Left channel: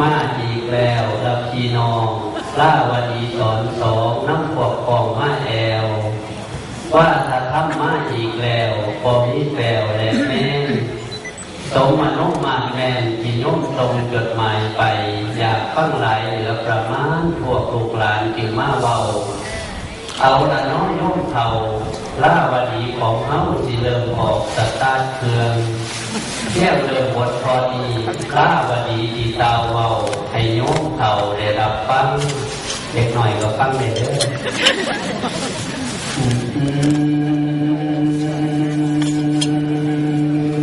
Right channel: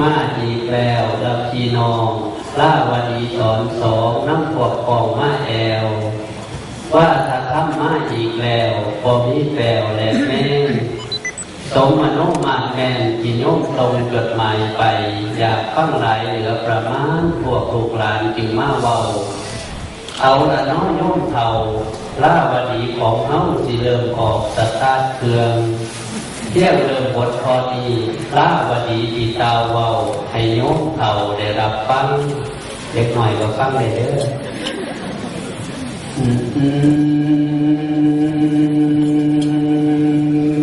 มาอีกแล้วละพี่น้องล่าวดีสอนสองน้ำขวดกองมาแอว ว่าถ้าทำมาอีกแล้วพอมีแปลวและแม่นสมมโนมาแม่นที่โยมตรงจดหมายไป อยากฟังหลายเหลือประมาณพวกลูกหลานจึงมาเบาเอาละน้อยโยมเท่าล่าวดีของเฮาสิเริ่มออกสตาร์เครื่อง เที่ยงเริ่มบทพอดีล่าวดีดีตาวเบาให้โยมเท่าได้รับฟังเด็กหน่อยก็ฟังได้เด้อ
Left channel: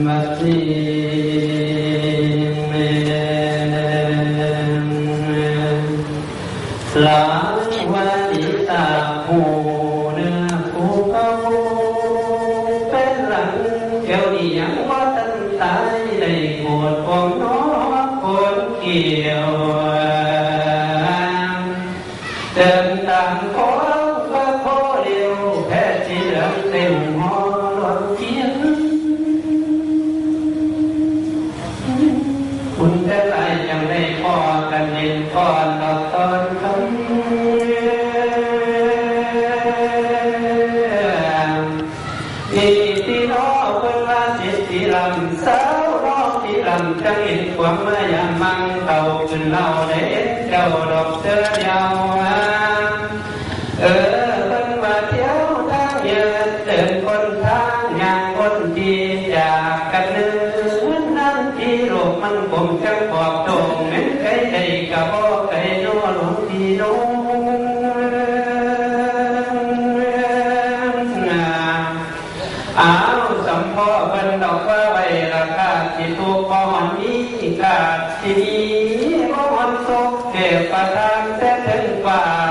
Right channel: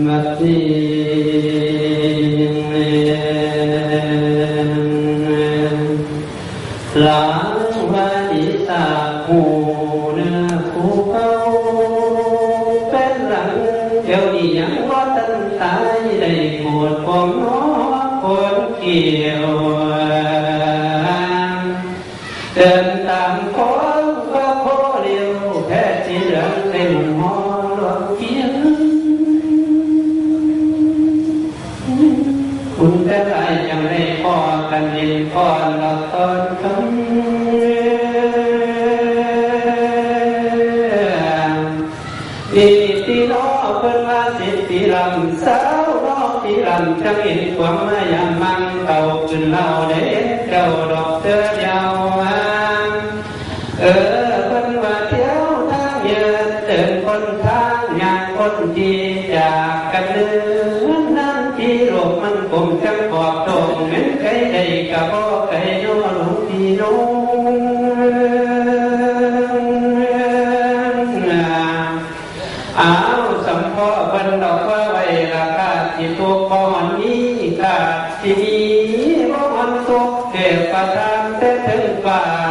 มัตติเมหลังวันที่ตาหู กันเห็นก่อนเราตอนคำนี่ที่น้อเพิ่นว่าสิที่ลำสาวน้องที่ลำจังเห็นควา กมันคงจังปอบตรงเหมือนใครใดก็บ่ไกลนัวหลงพี่น้องอ้าวสำพ่อเพิ่นดอกว่าไว้ราคาที่ตัวบ่มันมีกาที่นี้บ่มันสุขเทพประทานแต่ถึงฟางถ้า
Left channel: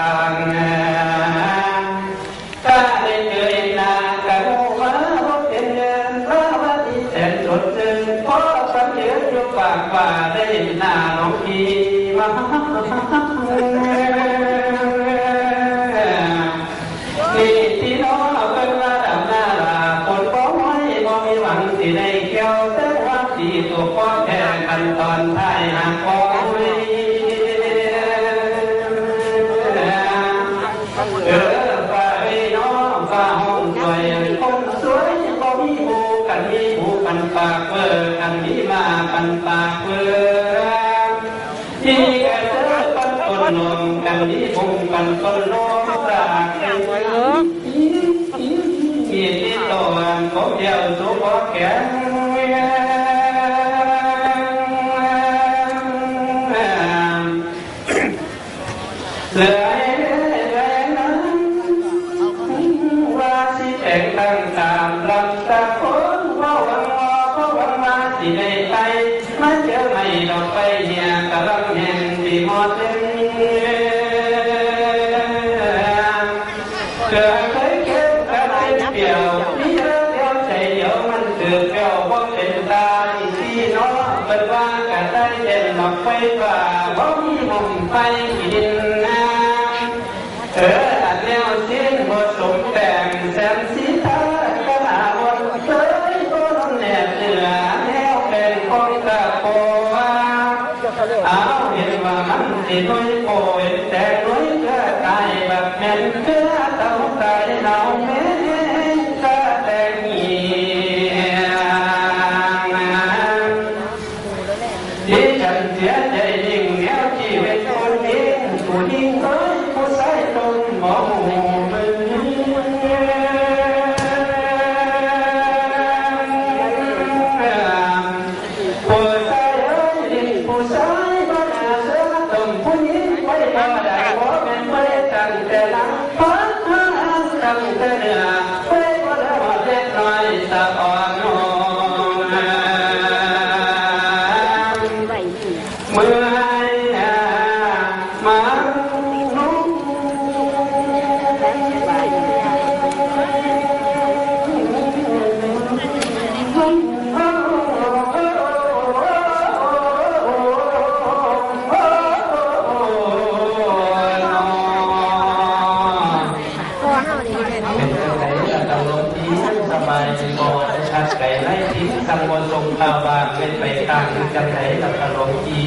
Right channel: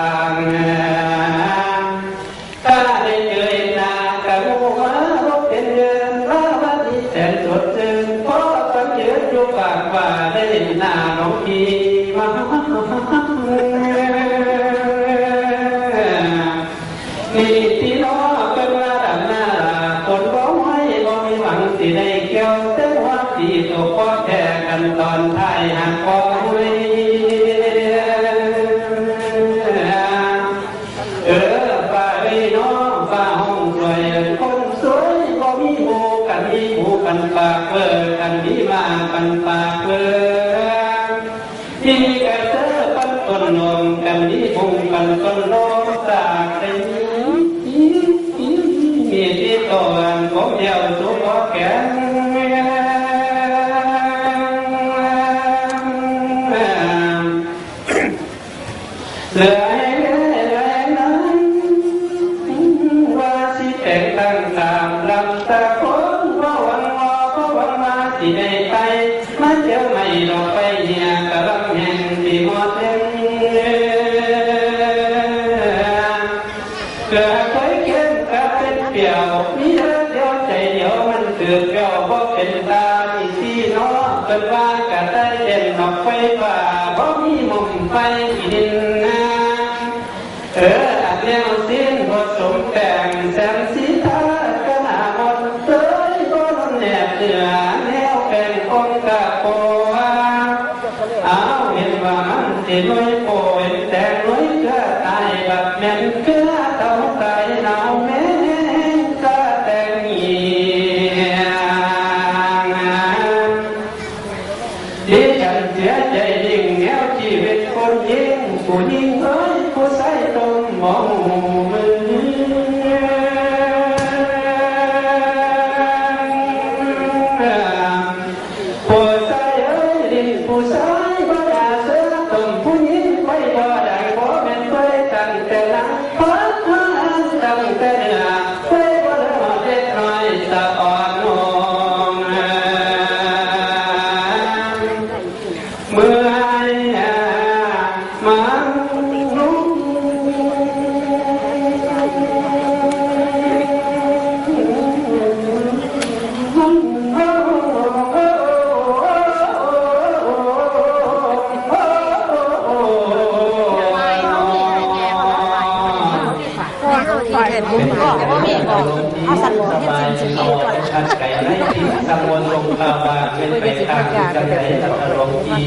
ที่ตัวผมเดี อาเห็นว่ามันสิลอยโอยแต่ลอยก็ตายแบบแม่นเกลื สังไหนตะกะหลงจี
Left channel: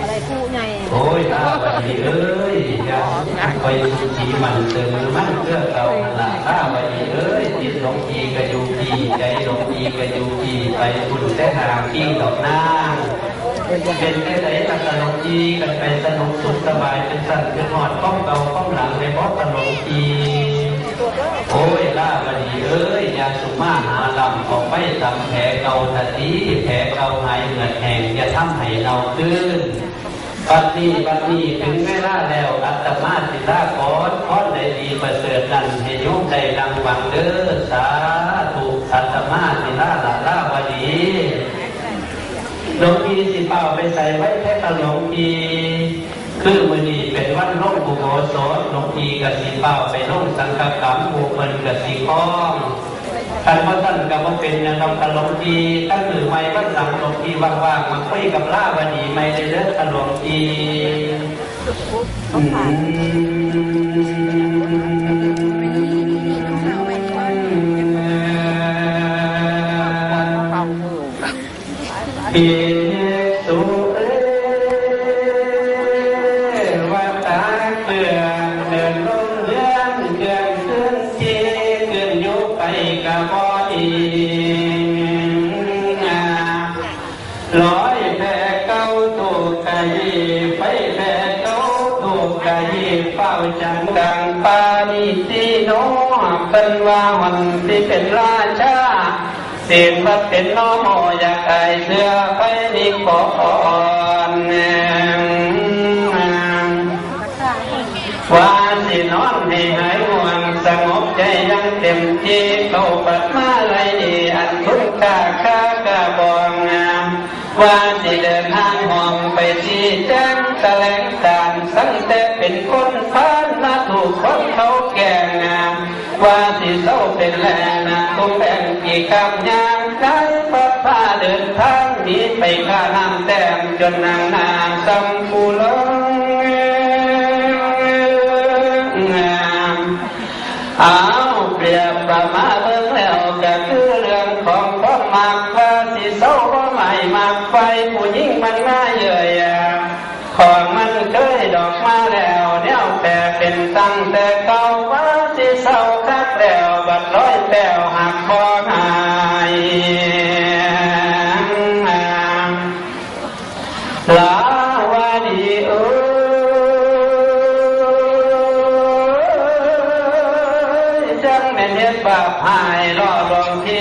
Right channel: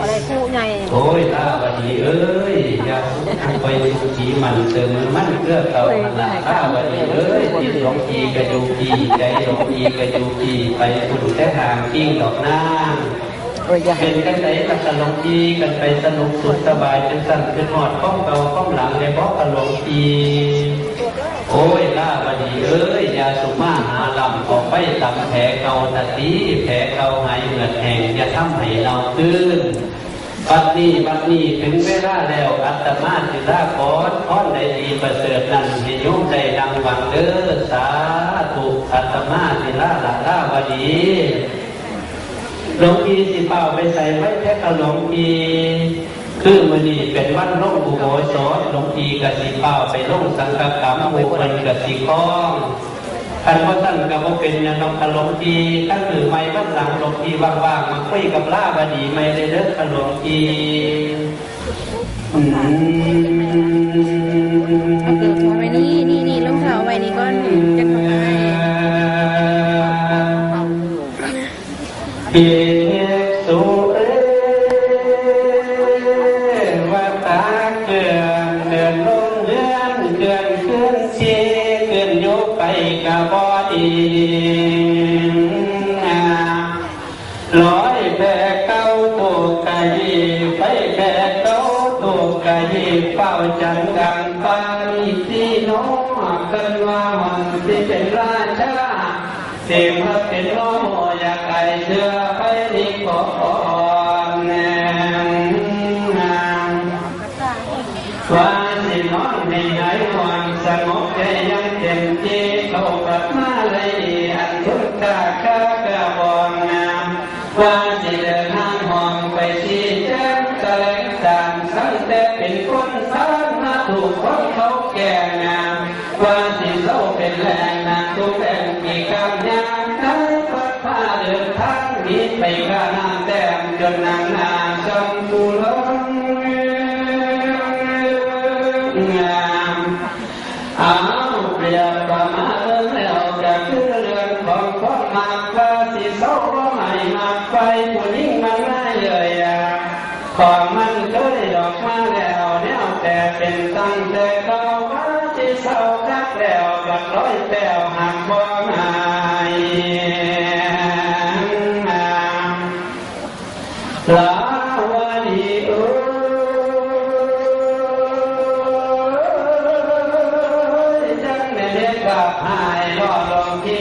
อะไรผู้ใหญ่โอ้ยลาบดีเอ้ยอย่าไปจีมันเติมมันเกื้อเก่าหน้าลาบดีเอ้ยที่หลงจีกระยูจีใจหลงจีกระยูจีไปบุญแต่หางกิ้งดอกนางเอออย่าเป็นได้ไหนตะกะหลงจีกันไปสนุกสุดสบายเป็นสั่นเป็นหอดป้องเก่าป้องหลังในบ่ตะหลงจี โอ้ยลาบดีเอ้ยยาสุมาหาลำออกไปตำแผลเกาตะตีแผลเกาหายเหงื่อแห้งอย่าทำให้เราตื้นบัดนี้บัดนี้ถึงเวลาแล้วอัตมาสิลาขอพรได้ดีประเสริฐนั้นให้โยมได้ดังหวังเด้อสาธุอัตมาสิลาลาลาบดีหลวงพี่สิเป่าไปใส่ไว้แค่กระหลวงพี่คือมือนี้เป็นวันลงบุโบสถ หลวงพีกับสิเป้าไปลงสังฆกรรมโมเพิ่นกับสิข้องท่านว่าท่านกับว่าเป็นอย่างเรากระหลวงพีท่านถือไม้วัดหลังหลวงพีว่างๆมาคุยกับล่าบดีไม่ได้เลิกกระหลวงพีอืม เป็นว่ามันสิเป็นราชาสียงพระเป็นน้อมอยากไอเสื้อไปนิกอนว่าสินอนให้หายห่วงสงบใจยังเต็มที่เข้าปัดมาเลยดีอันทุกข์ค่าค่ากะบองงามว่าสิเดินทางห้องไปที่แจ้งแถลงการสังแต่เป็นคนพานมาถูกคนเขาแก่ ว่าสิเศร้าเป็นแรงนาทุกแห่งกี่คำยามได้พัดพาเดินทางนี้ไปข้าน้ำแต้มจนนางนางสำภูลง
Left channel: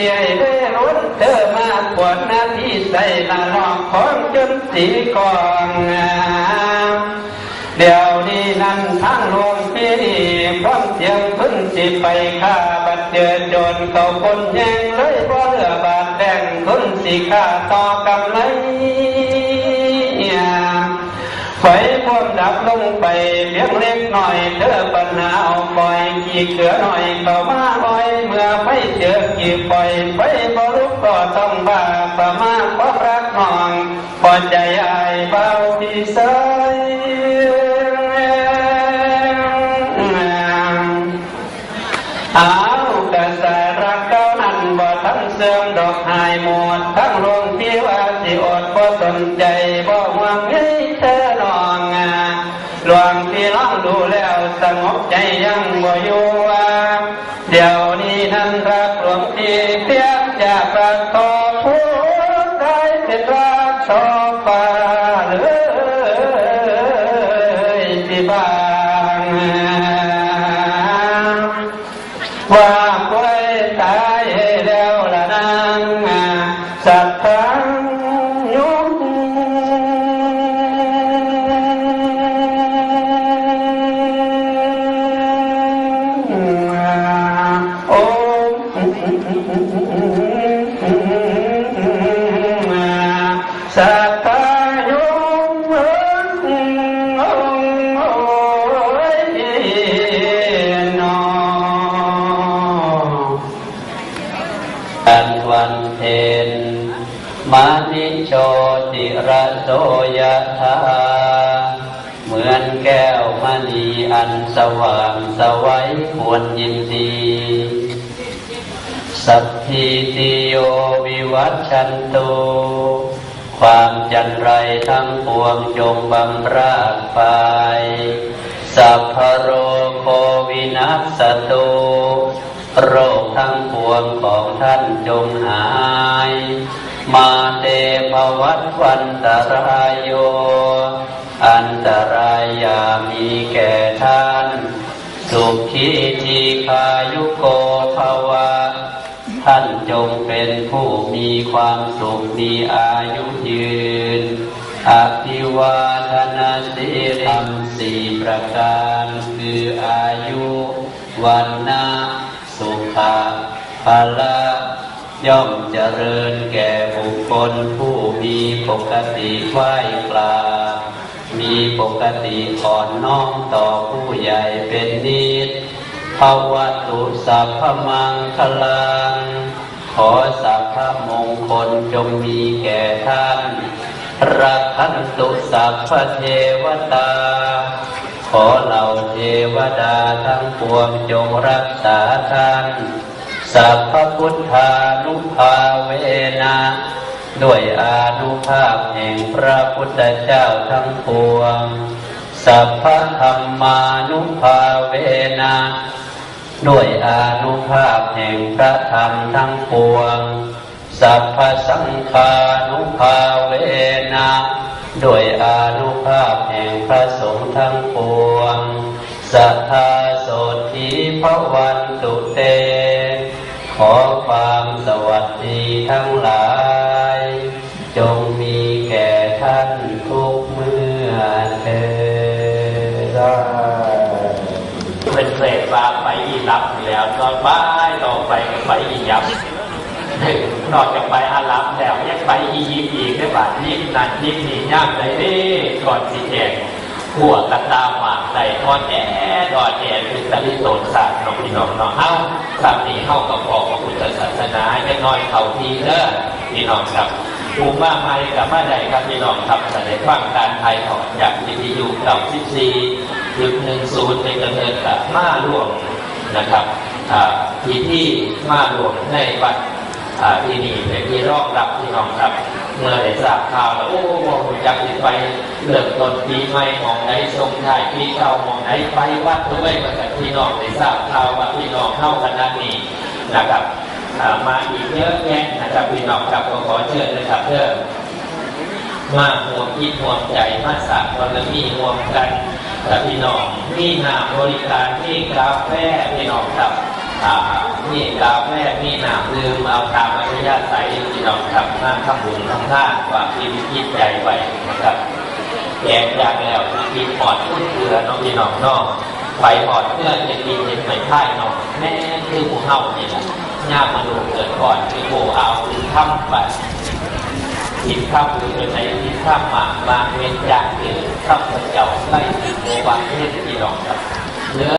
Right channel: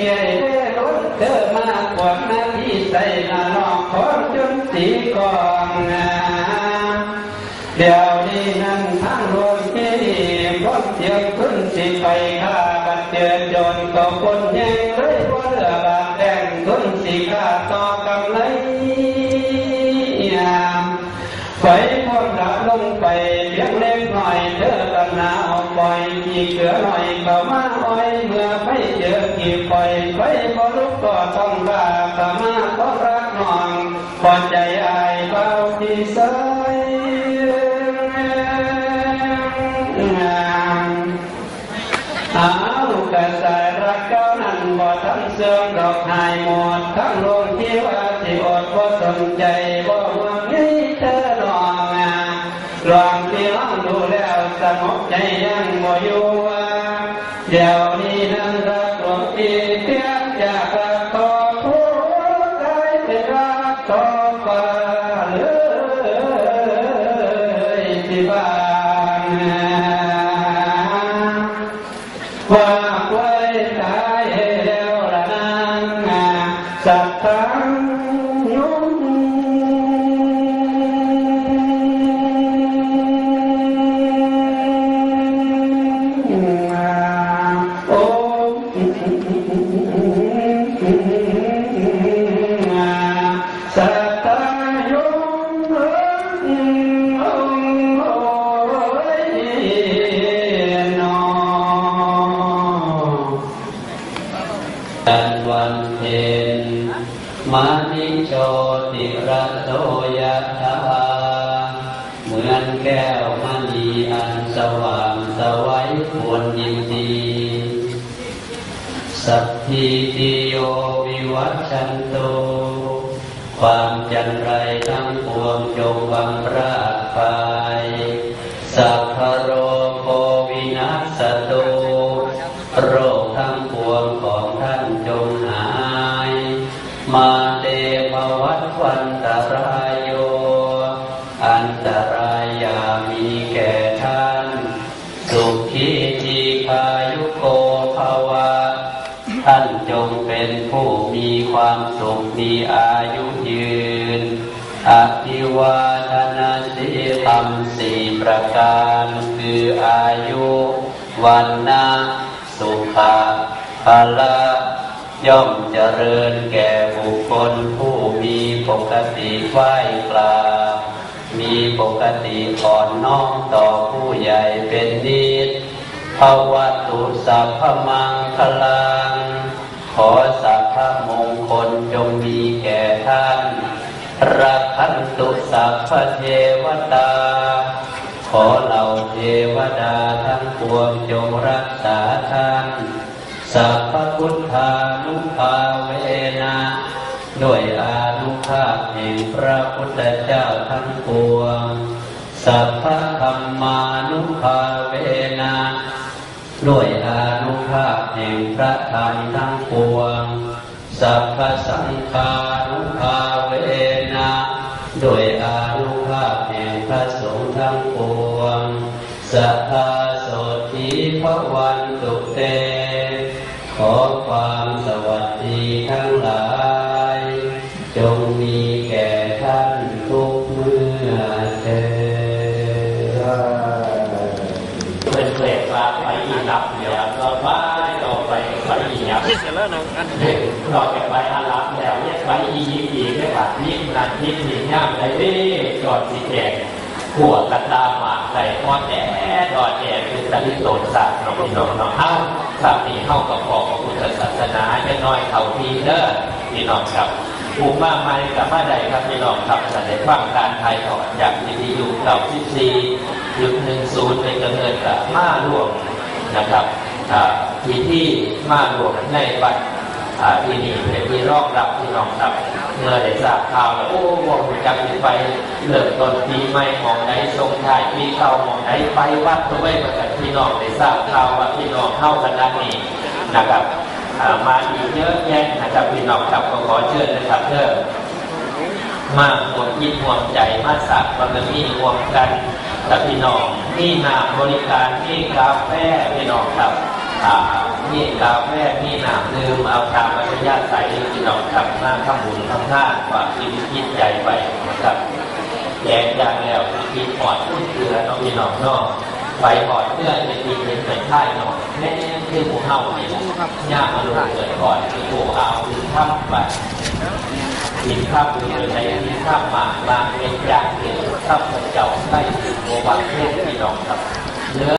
ลองเที่ยเด้ล้นเธอมากว่าหน้าที่ใส่ละลองของจนสีกองงามเดี๋ยวนี้นั่นทั้งโลกที่นี่พร้อมเสียงขึ้นสิไปฆ่าบัดเจือจนเขาคนแย่งเลยเพราะเรือบาดแดงขึ้นสิฆ่าต่อกำไรไฟความดับลงไปเพียงเล็กหน่อยเธอปัญหาเอาปล่อยกี่เกลือหน่อยเข้ามาอ้อยเมื่อ ไม่เจอกี่ปล่อยไฟพอลุกก็ต้องบ้าประมาทเพราะรักน้องพอใจอายเบาที่ใสเอากระสายรักเก้านั้นบ่ทั้งเสื่อมดอกหายหมดทั้งโรงที่ว่าสิอดบ่สนใจบ่หวังให้เธอนองาหลวงที่น้องดูแล้วสงบใจยังบ่อยู่ว่าเดี๋ยว สัตทังยุงโอ้สัตตายุงโอ้ยนอกันวัน มานิโชติระโสยธาเหมือนแก้วมณีอันสว่างสวัยควรยินดีสัพพิติโยวิวัชชันตุคความจันไรทั้งปวงจงบำราดไปสัพพโรโควินัสตุโรคทั้งปวงของท่านจงหาย มาเตภวัตวันตรายโย อันตรายยามีแก่ท่าน สุขีทีคายุโกภาวะ ท่านจงเป็นผู้มีความสุขมีอายุยืน อภิวาทนาสีธรรมสี่ประการคืออายุ วันนะสุขะภาละ ย่อมเจริญแก่บุคคลผู้มีปกติไหว้กรามีปกติอ่อนน้อมต่อผู้ใหญ่เป็นนิดภาวะตุสัพพมังคลัง ขอสัพพมงคลจงมีแก่ท่าน รักขันตุสัพพเทวตา ขอเหล่าเทวดาทั้งปวงจงรักษาท่าน สัพพพุทธานุภาเวนะด้วยอานุภาพแห่งพระพุทธเจ้าทั้งปวง สัพพธรรมานุภาเวนะด้วยอานุภาพแห่งพระธรรมทั้งปวง สัพพสังฆานุภาเวนะด้วยอานุภาพแห่งพระสงฆ์ทั้งปวง สัทธาโสธีพระวันตุเต ขอความสวัสดีทั้งหลาย จงมีแก่ท่านทุกเมื่อเถิดเป็นเกรดว่าไปอีรับแล้วก็บ้ายต่อไปไปอียับนอกจากไปอารับแล้วยังไปอียิปต์อีกได้บัดนี้นั่นนี่นี่ย่างไรเด้ก่อนสีแดง หัวกระตาหมากใส่ทอดแอดอดแอดคือตะลิโตนศาสตร์น้องพี่น้องเนาะเอ้าคำนี้เข้ากับพอของพุทธศาสนาจะน้อยเขาทีเด้อพี่น้องครับภูมิมากมายกับมาใดครับพี่น้องครับแสดงฟังการไทยถอดจากวิทยุเก่าที่สี่ยุคหนึ่งศูนย์ในกำเนิดกับมาหลวงนะครับที่ที่มาหลวงในวัดที่นี่เป็นที่รองรับที่รองครับ เมื่อได้ทราบข่าวแล้วโอ้มองจักสิไปเริ่มต้นปีใหม่มองไหนทรงท้ายปีเก่ามองไหนไปวัดด้วยมาจากพี่น้องได้ทราบข่าวว่าพี่น้องเข้าขนาดนี้นะครับมาอีกเยอะแยะนะครับพี่น้องครับก็ขอเชิญนะครับเพื่อมาห่วงคิดห่วงใจมาสักวันละมีห่วงกันแต่พี่น้องมีน้ำบริการมีกาแฟพี่น้องครับอ่ามีกาแฟมีน้ำดื่มเอาตามอัธยาศัย พี่น้องครับมาทำบุญทำท่านความคิดคิดใจไปนะครับแยกจากแล้วมีปอดพุ่นเกลือน้องพี่น้องนอกไปปอดเพื่อจะกินเป็นไปท่ายนองแม่คือผู้เฮานี่แหละย่ามาดูเกิดก่อนคือผู้เอาคือทำไปทินข้ามคือในทินข้ามมากบางเว้นจากเกิดข้ามพระเจ้าไล่ถึงโมบางเทศที่ดอกครับ